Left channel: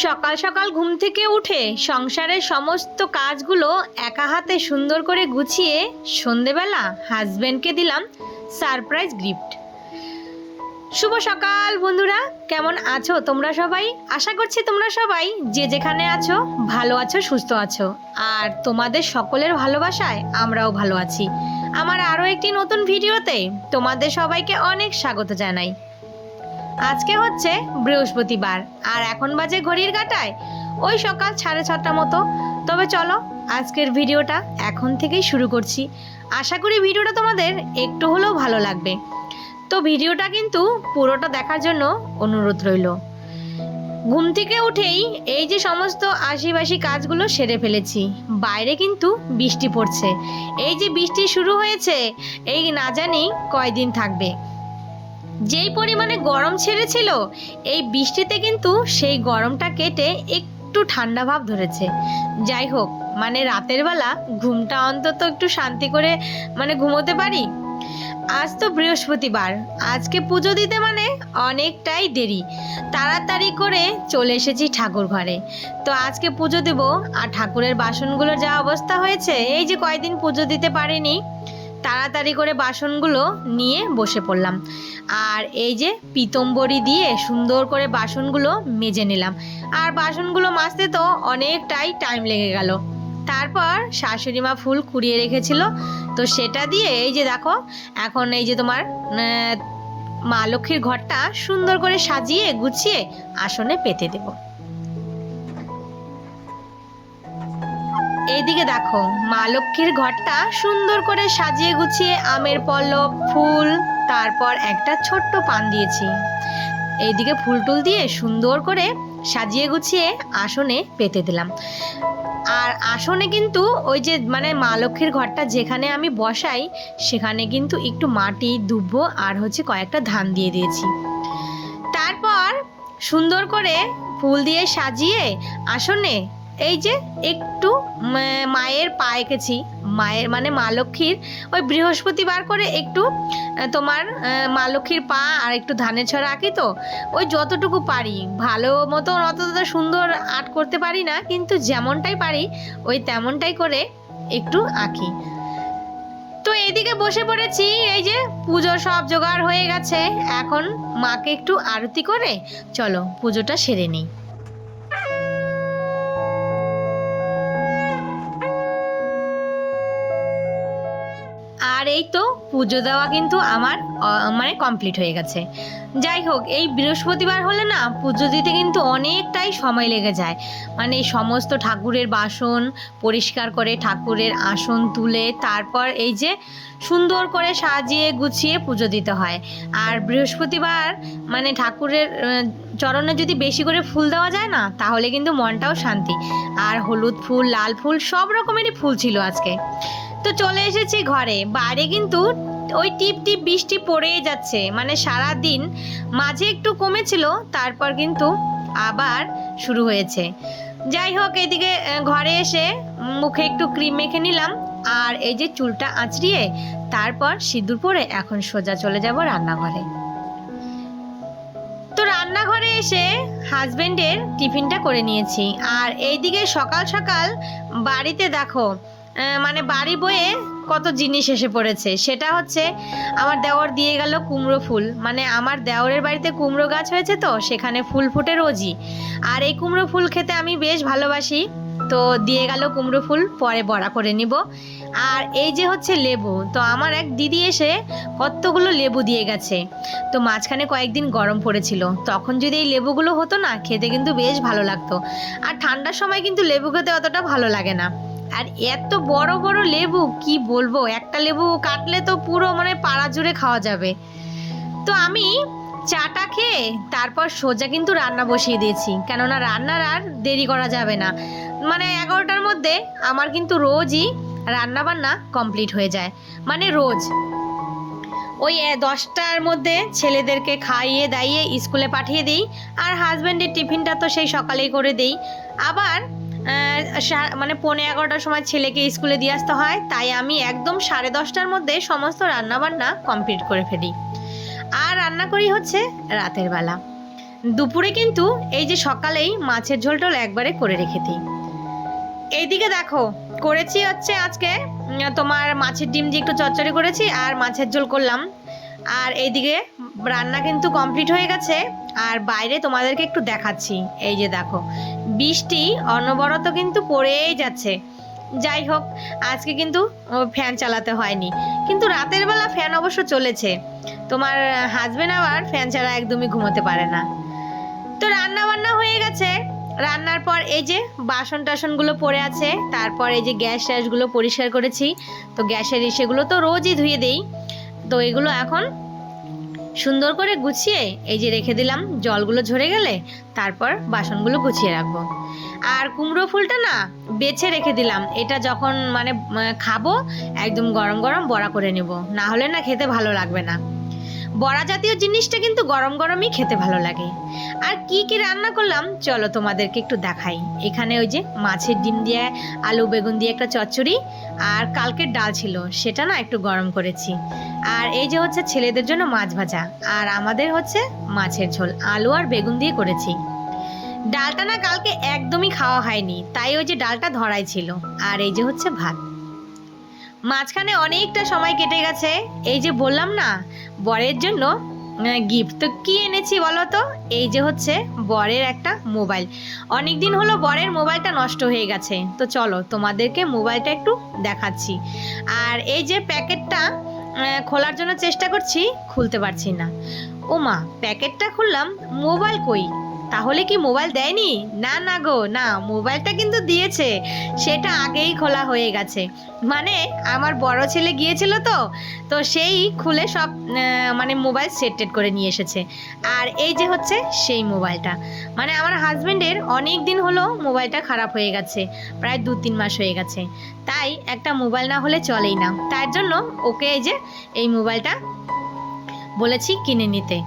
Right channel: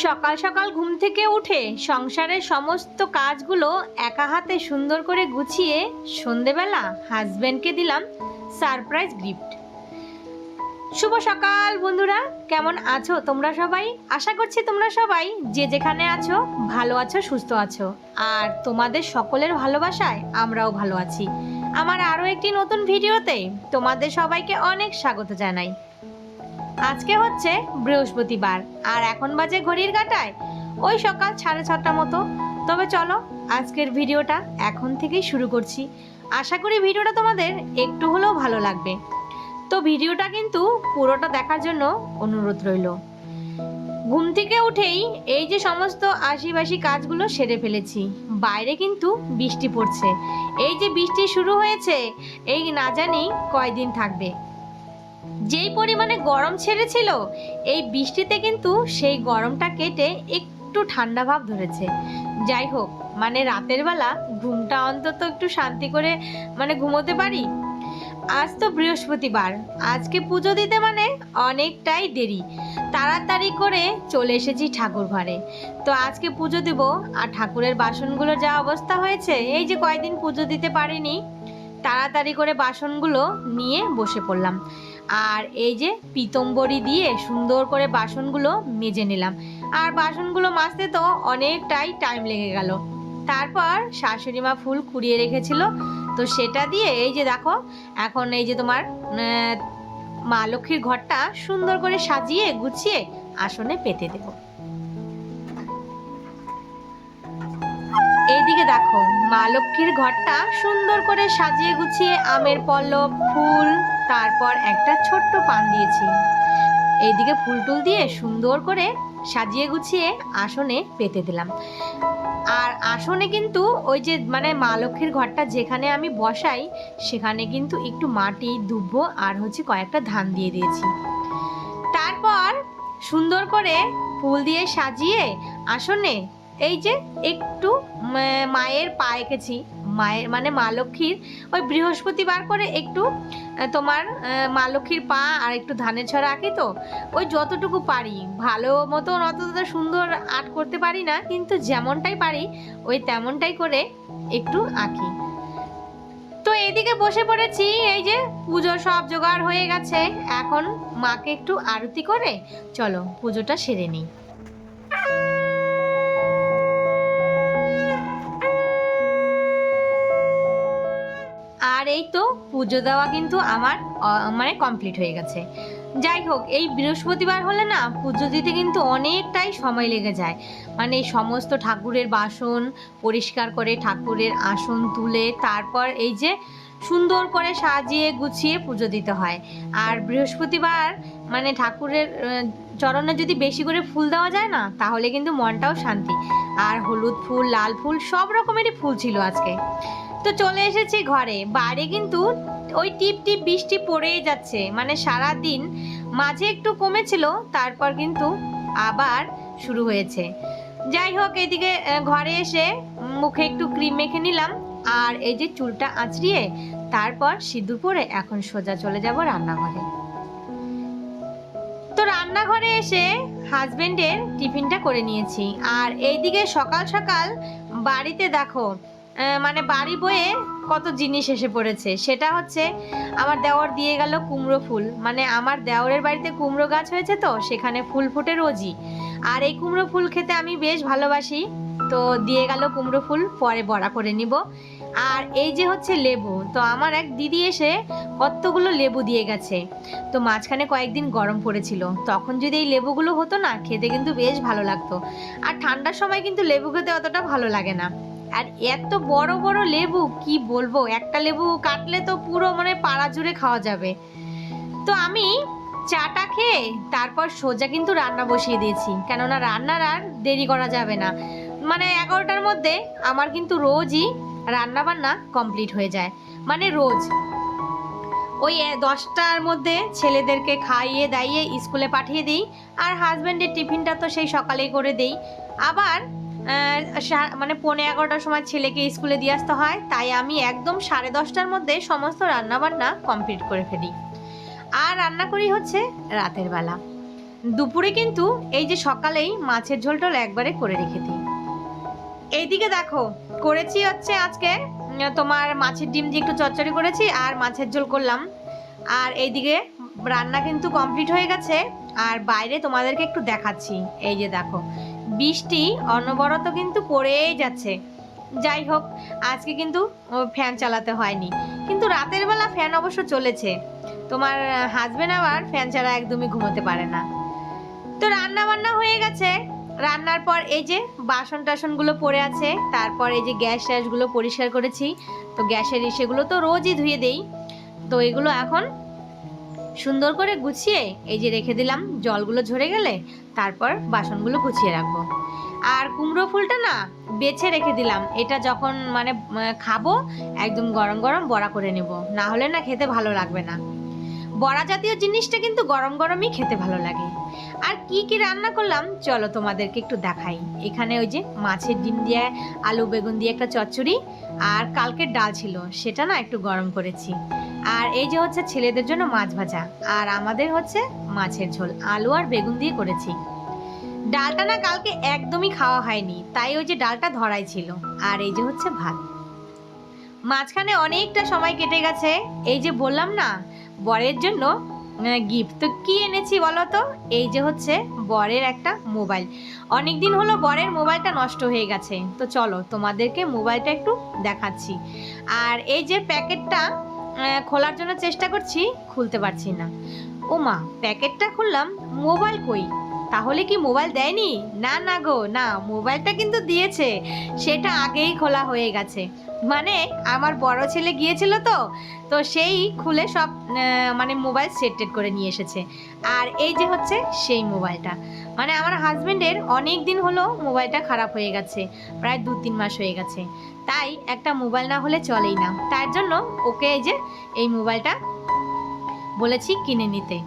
সকাল সকাল ঘুম থেকে উঠে সংসারের সমস্ত কাজগুলো একা হাতে সুন্দর করে গুছিয়ে সন্ধেবেলা হাজব্যান্ডকে দিলাম সারপ্রাইজ গিফট শুভ সকাল বন্ধুরা, কেমন আছো তোমরা সবাই? আশা করছি তোমরা সবাই যে যেখানে আছো ভালো আছো, সুস্থ আছো। আর তোমাদের সকলের ভালোবাসায় আমরাও ভালো আছি। আমার আরও একটি নতুন ভিডিওতে তোমাদের সবাইকে অনেক স্বাগত জানাই। আজকে হচ্ছে বৃহস্পতিবার, আর এখন বাজে ঘড়ির কাটায়। ওই সকাল সাড়ে ছটা মতো। তবে চলো, আজকের ভিডিওটা এখন থেকেই শুরু করছি। আশা করি ভিডিওটা তোমাদের একটু হলেও ভালো লাগবে। তো ভিডিওটা কিন্তু পুরোটা দেখার জন্য অনুরোধ রইল। ঘুম থেকে উঠেই এই যে সমস্ত আশিবাসি কাজগুলো সেরে ফেলেছি। বাইরে কিন্তু বৃষ্টি পড়ছে। এই যে বৃষ্টি শুরু হয়েছে, এই না জানি কয়দিন থাকবে। যেই পরিমাণে গরম ছেড়েছিল, এই বৃষ্টিতে কিন্তু সেই গরমটা কেটে একটু ঠান্ডা ভাব ধরেছে। যাই হোক মানে রাতের বেলা ঘুমটা অন্তত একটু শান্তি করে মানে ঘুমোতে পারি? আজ তো বৃহস্পতিবার, আজকে পুজো দিতে মানে অনেকটাই দেরি। তাড়াতাড়ি করে চলে এসেছি ঠাকুর ঘরে। তো আজকে পুজো দেব, আর ঠাকুরের বাসনগুলোর যা অবস্থা হয়েছে, এই যে কয়দিন পুজো দিতে পারিনি তাড়াতাড়ি করে বাসনগুলো নিয়ে বসে পড়লাম। আর এই যে পিতম্বরি দিয়ে সুন্দর করে বাসনগুলো মেজে নিলাম। আর বাসনগুলো মাজতে তো অনেকটাই টাইম লেগে গেল। তারপর শাশুড়ি মা ফুল কুড়িয়ে রেখেছিল। তো সেটা দিয়ে এই যে দেখো, এখন এই যে তোমার মা লক্ষ্মীর ঘরটা সুন্দর করে সাজিয়ে গুছিয়ে আসনে পেতে দেব। এইদিকে দেখো, মা লক্ষ্মীর ঘরটা সুন্দর করে সাজিয়ে গুছিয়ে আমের পল্লব, ফুল, তারপর একটা ছোট্ট পান দিয়েছি। এইদিকে ফুল টুল দিয়ে সুন্দর করে সাজিয়ে গুছিয়ে আসনে পেতে দিলাম। আর আসনে কিন্তু ওই যে মানে মা লক্ষ্মীর ঘরটা যেখানে আমি বসাই, সেখানে কিন্তু একটু মাটি, দুব্ব আর হচ্ছে কয়েকটা ধান দিয়ে দিয়েছি। তারপর সুন্দর করে ফুল দিয়ে সাজিয়ে আসনে এই যে একটু মায়ের পা এঁকেছি। মায়ের মানে মা লক্ষ্মীর। ওই বৃহস্পতিবার করে একটু তোমার মা লক্ষ্মীর পা আর একটু ধানের ছড়া আঁকি তো। ওই যতটুকু পারি। ভালো মতো অতটা সুন্দর আর্ট করতে পারি না, কিন্তু যেমনটাই পারি, ওই তেমনটাই করে একটু আঁকি। তো এইদিকে বসে পড়েছি, এই যে পুজো সব জোগাড় হয়ে গেছে। এখন মাকে একটু আরতি করে, চলো পুজোটা সেরে নিই। এই তো পুজো দেওয়া কিন্তু আমার মানে কমপ্লিট হয়ে গেছে। যাই হোক, এই বৃহস্পতিবার হলে না পুজো দিতে কিন্তু অনেকটাই সময় লেগে যায়। মানে সমস্ত ঠাকুরের বাসন পরিষ্কার করে ঠাকুরের আসন তুলে তারপর এই যে সুন্দর করে সাজিয়ে গুছিয়ে পুজো দিতে হয়। আর বৃহস্পতিবার মানে ঠাকুরের চরণে যদি বেশি করে ফুল দেওয়া যায় না, তাহলে কিন্তু মনটাও শান্তি। আর হলুদ ফুল, লাল ফুল সব রকমেরই ফুল ছিল আজকে। তো চলে এসেছি ঘরে। বাইরে কিন্তু ওই টিপ টিপ বৃষ্টি পড়েই যাচ্ছে। মানে সারা দিন মাঝে একটু কমেছিল, তারপর কিন্তু আবার শুরু হয়েছে। যাই হোক এইদিকে ঘরে এসে মুখে একটু ক্রিম মেখে নিলাম, আর এই যে চুলটা আঁচড়িয়ে তারপর সিঁদুর পরে এখন সোজা চলে যাব রান্নাঘরে। তো রান্নাঘরে এসে হাজবেন্ডের টিফিনটা করে নিয়েছি। আর এইদিকে সকাল সকাল বাড়িতে দেখো মানে বাড়ি বয়ে কত জিনিস এসে পড়েছে। সেটা হচ্ছে আমার দেওর দিয়ে গেল কুমড়ো ফুল। মানে আমার দেওরের বাড়িতে কুমড়ো গাছ হয়েছে তো, সেখানে ফুল ফুটে রোজই। আর এই কুমড়ো ফুল খেতে আমি বেশ ভালোবাসি। তো দিয়ে গেল কুমড়ো ফুল, পরে বড়া করে নিব। আর এই যে হচ্ছে লেবু, তো আমার এক দিদি এসে কতগুলো লেবু দিয়ে গেছে। তো মাঝখানে কয়েকদিন গরম পড়েছিল। তখন যদি এই লেবুগুলো হতো না, খেতে কিন্তু বেশ ভালো লাগতো। আর ঠান্ডার সময় কিন্তু লেবু খেতে অতটা ভালো লাগে না। আর এত বড় বড় লেবু, কি বলব? একটা লেবু কাটলে তো পুরো মানে পাড়া জুড়ে খাওয়া যাবে। তো আমি চাটা খেয়ে তারপর সোজা কিন্তু রান্না বসিয়ে দিয়েছি। কেননা রান্নার আর দেরি করা যাবে না। মানে এগারোটার মধ্যে আমার কিন্তু রোজই রান্না বান্না কমপ্লিট হয়ে যায়। মানে রোজ। ওই দশটার মধ্যে ছেলেদেরকে খাইয়ে দাইয়ে স্কুলে পাঠিয়ে দিই। আর হাজব্যান্ডের টিফিনটা তো সেই সকালেই করে দিই। আবার মানে পৌনে এগারোটার সময় ছেলেকে স্কুলে দিয়ে আসতে হয়। তাই আমি একদম সাড়ে দশটার মধ্যে সমস্ত রান্নাবান্না কমপ্লিট করে ফেলি। আর রান্না করি হচ্ছে রাতের বেলা। দুপুরে কিন্তু এই যে সকালেই মাছের ঝোল টোল একবারে করে রেখে দিই। এইদিকে দেখো, করেছি হচ্ছে আজকে তোমার মাছের ডিম দিয়ে একটু চচ্চড়ি করেছি আর মাছের ঝোল করলাম। আর এইদিকে রান্না কিন্তু কমপ্লিট হয়ে গেছে। আর বাইরে তোমাদেরকে একটু দেখাচ্ছি। এই যে দেখো বৃষ্টি অনবরত কিন্তু পড়েই যাচ্ছে। যাই হোক, আজকে কিন্তু ফ্যান চালাতে হয়নি। কিন্তু রাতের বেলা ফ্যান অবশ্য চলেছে। তোমার হাজবেন্ড আবার ফ্যান ছাড়া একদমই ঘুমোতে পারে না। তো রান্না বান্না হয়ে গেছে। রান্নার পর এই যে বাসন টাসনগুলো পড়ে আছে, তারপর এই যে গ্যাস ট্যাসগুলো পরিষ্কার করেছি। তো গ্যাসের ইসেগুলো তো রোজই ধুয়ে দেই। তো এগুলো এখন সুন্দর করে গুছিয়ে এই যে রেখে দিলাম, জলগুলো ঝরে গেলে তারপর বাসনগুলো গুছিয়ে রাখব। আর কুমড়ো ফুলটা না বেছে রেখে দিলাম, এটা যখন মানে খাব, একদম গরম গরম বড়া করে নেব, না হলে না খেতে ভালো লাগবে না। বড়া জাতীয় জিনিসটা কিন্তু গরম গরমই খেতে ভালো লাগে। আর কি কি রান্না করলাম, চলো তোমাদেরকে একটু দেখাই। এখানে ওই যে মাছের ডিম দিয়ে, আলু বেগুন দিয়ে একটা চচ্চড়ি, আর কালকের ডাল ছিল, সেটা না একটু গরম করেছি। আর এই যে হচ্ছে ছেলেদের জন্য মাছ ভাজা, আর আমাদের হচ্ছে মাছের ঝোল, আলু আর বেগুন দিয়ে করেছি। ডালটা না কালকে একদমই খাওয়া হয়নি, তাই ওই যে ডালটা ধরাই ছিল, আর এই যে হচ্ছে ভাত। মাঝখানে অনেকটা সময় কেটে গেছে, এই যে বললাম না বরের জন্য গিফট তো কী এনেছি বলো তো? এই যে হচ্ছে বরের একটা মোবাইল অনেক দিন হলো বরের মোবাইলটা নষ্ট হয়ে গেছে। তো চলো, তোমাদেরকে মোবাইলটা একটু দেখাচ্ছি। আর এই যে প্যাকেটটা খোলার জন্য চেষ্টা করছি, খুলতে পারছি না। ও মা প্যাকেটটা খুললাম মোবাইল কই? তাহলে কি মোবাইল দেয়নি? না না গো, না, মোবাইলটা কিন্তু দিয়েছে। সেটা আগেই খোলা হয়ে গেছে। মানে আমার বড় ছেলে গিয়েছিল তো তো সেই খুলে সব মানে মোবাইল সেট করে নিয়ে এসেছে। আর এই যে হচ্ছে সেই মোবাইলটা। মানে আমার হাজব্যান্ডের অনেক দিন হলো মোবাইলটা খারাপ হয়ে গেছে, প্রায় দু, তিন মাস হয়ে গেছে। তাই একটা মোবাইল না হলে চলেই না। তার জন্য ওকে এই যে, এই মোবাইলটা বলেছি কিনে নিতে।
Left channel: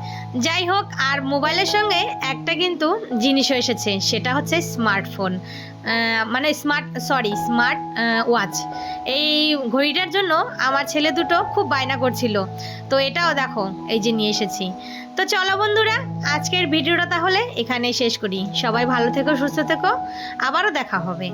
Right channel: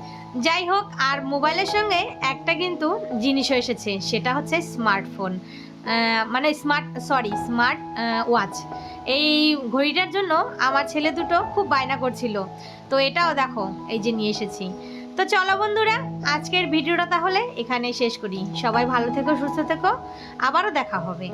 যাই হোক, আর মোবাইলের সঙ্গে একটা কিন্তু জিনিসও এসেছে, সেটা হচ্ছে স্মার্টফোন। মানে স্মার্ট, সরি, স্মার্ট ওয়াচ। এই ঘড়িটার জন্য আমার ছেলে দুটো খুব বায়না করছিল। তো এটাও দেখো, এই যে নিয়ে এসেছি। তো চলো বন্ধুরা, আজকের ভিডিওটা তাহলে এখানে শেষ করি। সবাই ভালো থেকো, সুস্থ থেকো। আবারও দেখা হবে।